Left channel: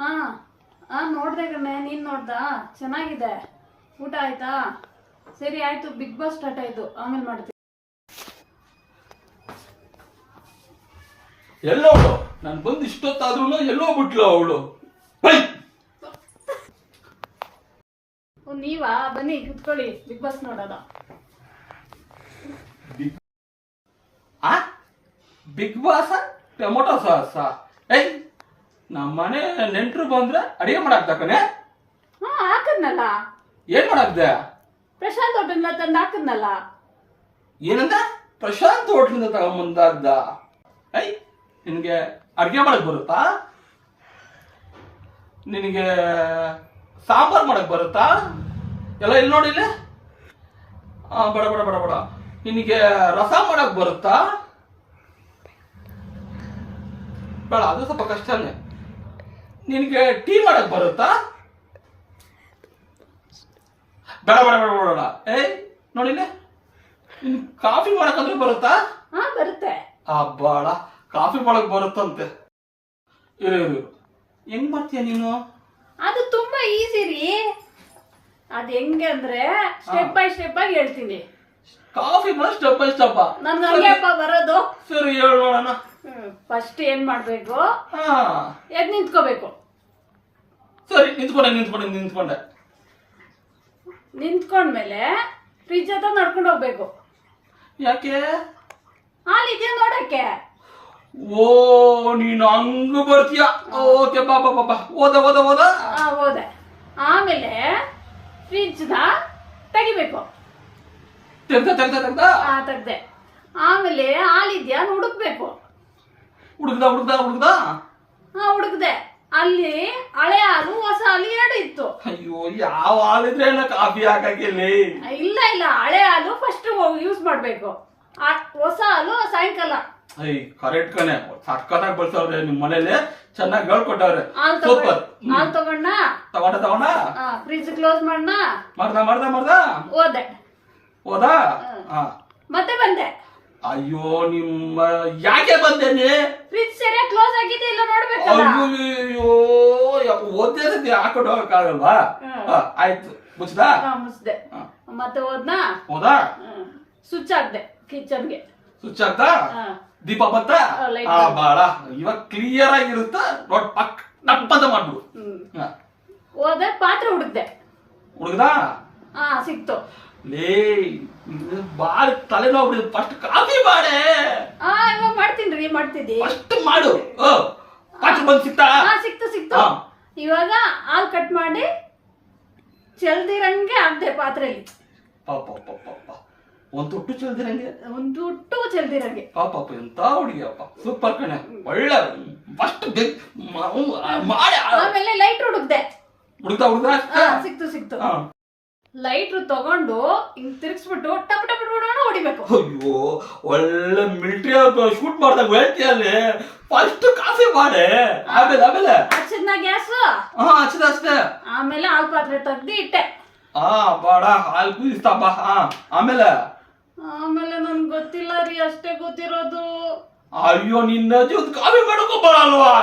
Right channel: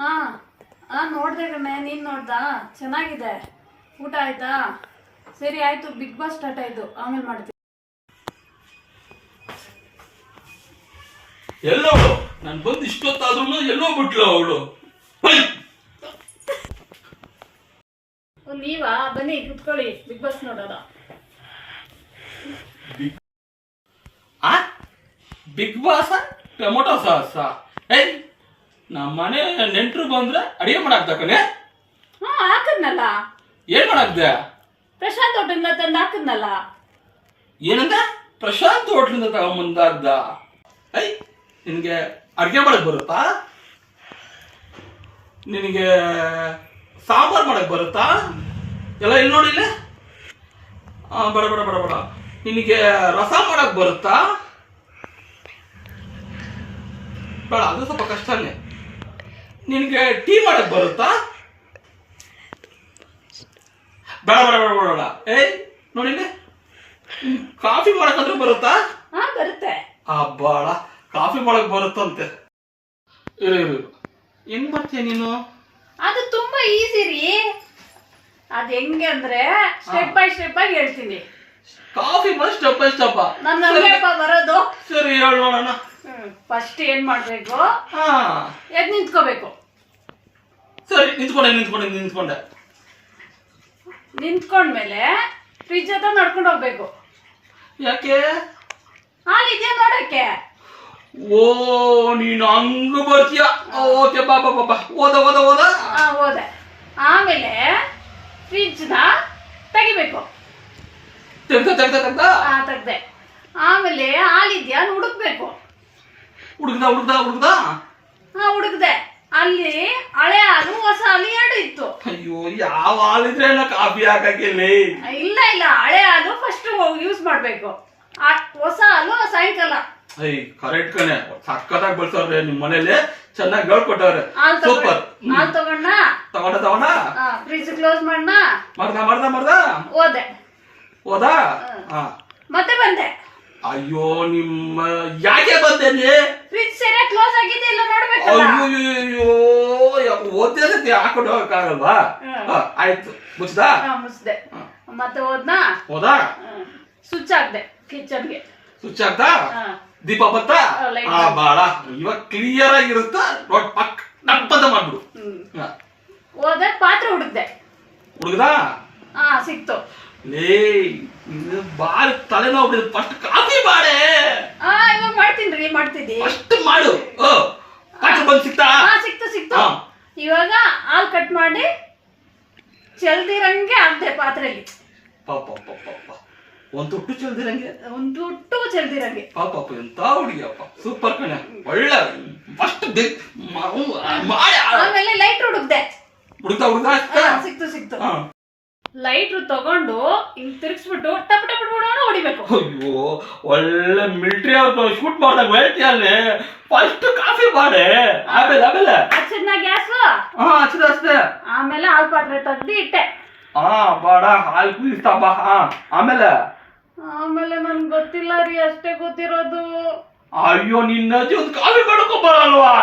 ಹಾ ಹಾ ನೋಡ್ದೆ ಕಣೆ, ನೀನು ನೋಡ್ದಾ? ಚೆನ್ನಾಗಿದೆ. ಊಟ ಆಯ್ತಾ? ಸರಿ ಆಯ್ತು, ಬಿಗ್ ಬಾಸ್ ಸ್ಟಾರ್ಟ್ ಆಯ್ತು, ಆಮೇಲೆ ಮಾಡ್ತೀನಿ. ಎಲ್ಲವಳು ನಾನು ಬಂದು ಇಷ್ಟೊತ್ತಾದ್ರೂ ಎಲ್ಲೋ ಬಿಟ್ಲು ಅವಳು. ನೀವಾ ಬನ್ನಿ ಕುತ್ಕೊಳ್ಳಿ, ಬಿಗ್ ಬಾಸ್ ನೋಡೋಣ. Bigg Boss tomato sauce. ಏಯ್ ನಮ್ಮನೆ ನೆಂಟರು ಬಂದ್ರೆ ಅಡಿಗೆ ಮಾಡಾಕ್ತಕನೆ. ಹಾ ಹಾಕದ್ನಲ್ಲ, ಏನ್ ಮಾಡಾಕ್ದೆ? ಪ್ರಶಾಂತ್ ಹೋಟೆಲ್ನ ತಂದು ಹಾಕದ್ನಲ್ಲ. ಏನಂದ? ಪ್ರಶಾಂತ್ ಹೋಟ್ಲಿಂದ ತಗೊಂಬಂದಾಗ್ದ? ಐ ನಿನಗೆ ಅಡಿಗೆ ಮಾಡಕ್ ಬರುತ್ತಾ? ನಿನಗೆ ಸಾಂಬಾರ್ ಮಾಡಕ್ ಬರುತ್ತಾ? ಎಲ್ಲ ಇಲ್ಲಿ ನೋಡಿಲ್ಲ. ಬೇಡ ಬೇಡ ಬೇಡ ಬೇಡ. ನಿನಗೆ ರಸ ಮಾಡಕ್ ಬರುತ್ತಾ? ಬೇಡ, ಅದು ಸ್ವಲ್ಪ ಕಷ್ಟನೇ. ನಿನಗೆ ಟೀ ಮಾಡಕ್ ಬರುತ್ತಾ? ಬೇಡ ಬೇಡ ಬೇಡ ಬೇಡ. ಏಯ್ ನೋಡಿಲ್ಲ, ಕಾಫಿ ಮಾಡಕ್ಕಾದ್ರೂ ಬರುತ್ತಾ? ಹಾ ಬರುತ್ತೆ. ಬಾಳ ಕಾಫಿ ಮಾಡಕ್ ಬರುತ್ತಂತೆ. ಇರು ಇರು, ಹೆಂಗ್ ಮಾಡ್ತೀಯ ನೀನು? ಅದು ತುಂಬಾ ಈಸಿ ರೀ. ಅದ್ ಹೆಂಗೆ ಅಂದ್ರೆ ಸ್ಟೆಪ್ ಬೈ ಸ್ಟೆಪ್ ಆಗಿ ಹೇಳ್ತೀನಿ. ಕಾಫಿ ಮಾಡಿ ಸ್ಟೆಪ್ ಬೈ ಸ್ಟೆಪ್ ನಮ್ಗೆ ಹಂಗೆಪ್ಪ ಬರೋದು. ಸರಿ ಹೇಳು ನೋಡೋಣ. ಫಸ್ಟ್ ಏನ್ ಮಾಡ್ಬೇಕು? ಹಾ ಎದ್ ನಿಂತ್ಕೋಬೇಕು. ಸರಿ, ನಿಂತ್ಕೊಂಡೆ. ನಿಂತ್ಕೊಂಡ್ಮೇಲೆ ಫ್ರಿಜ್ ಹತ್ರ ನಡ್ಕೊಂಡು ಹೋಗ್ಬೇಕು. ಯಾಕೆ? ಹಾಲಿದ್ಯಾ ನೋಡಕ್ಕೆ. ಓ ನೀನು ಹಂಗ ಬರ್ತೀಯ. ಓಕೆ ಬಾ ಬಾ ಬಾ ಬಾ. ಓದ. ಹೋದೆ. ಆಮೇಲೆ ಫ್ರಿಜ್ ನ ತೆಗಿಬೇಕು. ತೆಗ್ದ ತೆಗ್ದೆ. ಆಮೇಲೆ ಹಾಲಿದ್ಯಾ ಹುಡುಕ್ಬೇಕು. ಹುಡುಗ್ದ. ಹುಡುಕ್ದೆ. ಅಲ್ಲಿ ಹಳೆ ಹಾಲು ಹೊಸ ಹಾಲು ಎರಡು ಇತ್ತು. ಅಯ್ಯೋ, ಯಾವ ಹಾಲಿದ್ರೆ ಕಾಫಿ ಹಾಕಿಲ್ಲ. ಇಲ್ಲ ಹಳೆ ಹಾಲು ಫಸ್ಟ್ ಯೂಸ್ ಮಾಡ್ಬೇಕು, ಹೊಸ ಹಾಲು ಸಾಯಂಕಾಲ. ಕರೆಕ್ಟ್ ಕಣೆ, ಸಕ್ಕತ್ತಾಗಿ ಬಳಸವ್ರೆ ನಿಮ್ ಮನೇಲಿ, ಚೆನ್ನಾಗಿ ಹೇಳ್ಕೊಟ್ಟವ್ರೆ. ಸೂಪರ್. ಹಾಲು ತಗೊಂಡ ಫ್ರಿಜ್ ಕ್ಲೋಸ್ ಮಾಡ್ದ. ಹೋದ. ಮತ್ತೆ ಬಂದೆ. ಅಯ್ಯೋ ನಿಮ್ಮ ಯಾಕೆ ಬಂದೇನೆ? ಫ್ರಿಜ್ ಸರಿಯಾಗಿ ಕ್ಲೋಸ್ ಆಗಿದೆ ಇಲ್ಲ ನೋಡ್ಬೇಕಲ್ಲ. ಅಯ್ಯೋ ಓದ್ದೇ ಸತಿ ಹಾಕೊಂಡು ಹೋಗಕ್ಕಾಗಲ್ವಾ? ಆಯ್ತು, ಮುಚ್ದೆ. ಮತ್ತೆ ಹೋದ. ಸ್ವಿಚ್ ಹಾಕ್ದೆ ಕಿಚನ್ಗೆ. ಸ್ವಿಚ್ ಹಾಕ್ದ. ದೀಪ ಬತ್ತ. ಬಾಳ ಇವಾಗ ಕ್ಲಿಯರ್ ಆಗಿರುತ್ತ. ಟಪ್ಪಂತ ಮಾಡ್ಬಿಡು. ಹೋದೆ, ಪಾತ್ರೆ ಹುಡುಕ್ದೆ. ಹುಡುಗ್ದ. ಸಿಕ್ತು. ಲೇ ಬಾಳ ತಲೆನೋವು. ಫಸ್ಟ್ ಕಾಫಿ ಮಾಡೆ. ಇವಾಗ ಮಾಡ್ತೀನಿ. ಫಸ್ಟ್ ಮಾಡು. ಪಾತ್ರೆ ಬಂದು ಸಿಕ್ತಾ? ಸಿಕ್ತು. ಇವಾಗ ಹಾಲು ಕಟ್ ಮಾಡಿ ಚೆಲ್ದಿರಂಗೆ ಹಾಕ್ದೆ ಪಾತ್ರೆಯಲ್ಲಿ. ಒಂದು ತುಟ್ಟು ಚೆಲ್ದಿರಂಗೆ. ಪಾಪ ಎಂತ ಹುಡುಗಿಯಪ್ಪ, ಸೂಪರ್ ಕಣೆ, ಒಳ್ಳೆ. ಫಸ್ಟ್ ಮಾಡಿ. ಆಮೇಲೆ ಲೈಟ್ ಹುಡುಕ್ದೆ. ಸಿಕ್ತು. ಲೈಟ್ರು ತಗೊಂಡು ಹಿಂಗ್ ತಿರ್ಗಿಸ್ಬಿಟ್ಟು ಟಪ್ ಹೊಡಿಬೇಕು. ಅಯ್ಯೋ, ಒಳ್ಳೆ ಮಿಲಿಟರಿ ಅವ್ರು ಶೂಟ್ ಮಾಡ್ದಾಗ ಹೇಳ್ತೀಯಲ್ಲಿ. ಫಸ್ಟ್ ಕಾಫಿ ಮಾಡೆ, ಆಮೇಲೆ ಹಚ್ಚಿದ್ನ ಗ್ಯಾಸ್. ಅಷ್ಟೇ. ಆಮೇಲೆ ಹಾಲ್ ಪಾತ್ರೆ ತೆಗ್ದು ಇಟ್ಟೆ. ಬಾಡ ಹಾಲು ಕುದಿಸ್ತಾಪ. ಆಮೇಲೆ ನನ್ಗೆ ಗೊತ್ತಿಲ್ಲ ರೀ, ಅಷ್ಟೇ ಗೊತ್ತಿರೋದು. ಅಯ್ಯೋ, ನಿನ್ನ ಒಂದು ಕಾಫಿ ಮಾಡ್ಕೊ ಬರಲ್ವಾ?